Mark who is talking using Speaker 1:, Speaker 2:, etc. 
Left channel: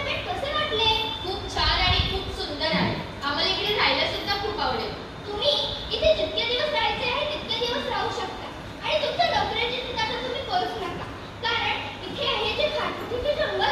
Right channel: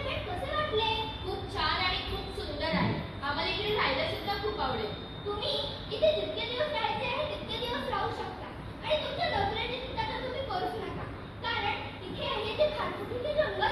Speaker 1: कसे वाटले?
Speaker 2: खूप छान आणि खूप सुंदर आहे. आम्हाला इकडे राहायला सुद्धा खूप आवडेल.
Speaker 1: तुम्ही इथे जितके दिवस राहायचे आहे तितके दिवस राहू शकता. आणि तुमच्या नोकरीची चिंता तुम्ही करूच नका. कारण इथे हे जे खाटकुटीचे जंगल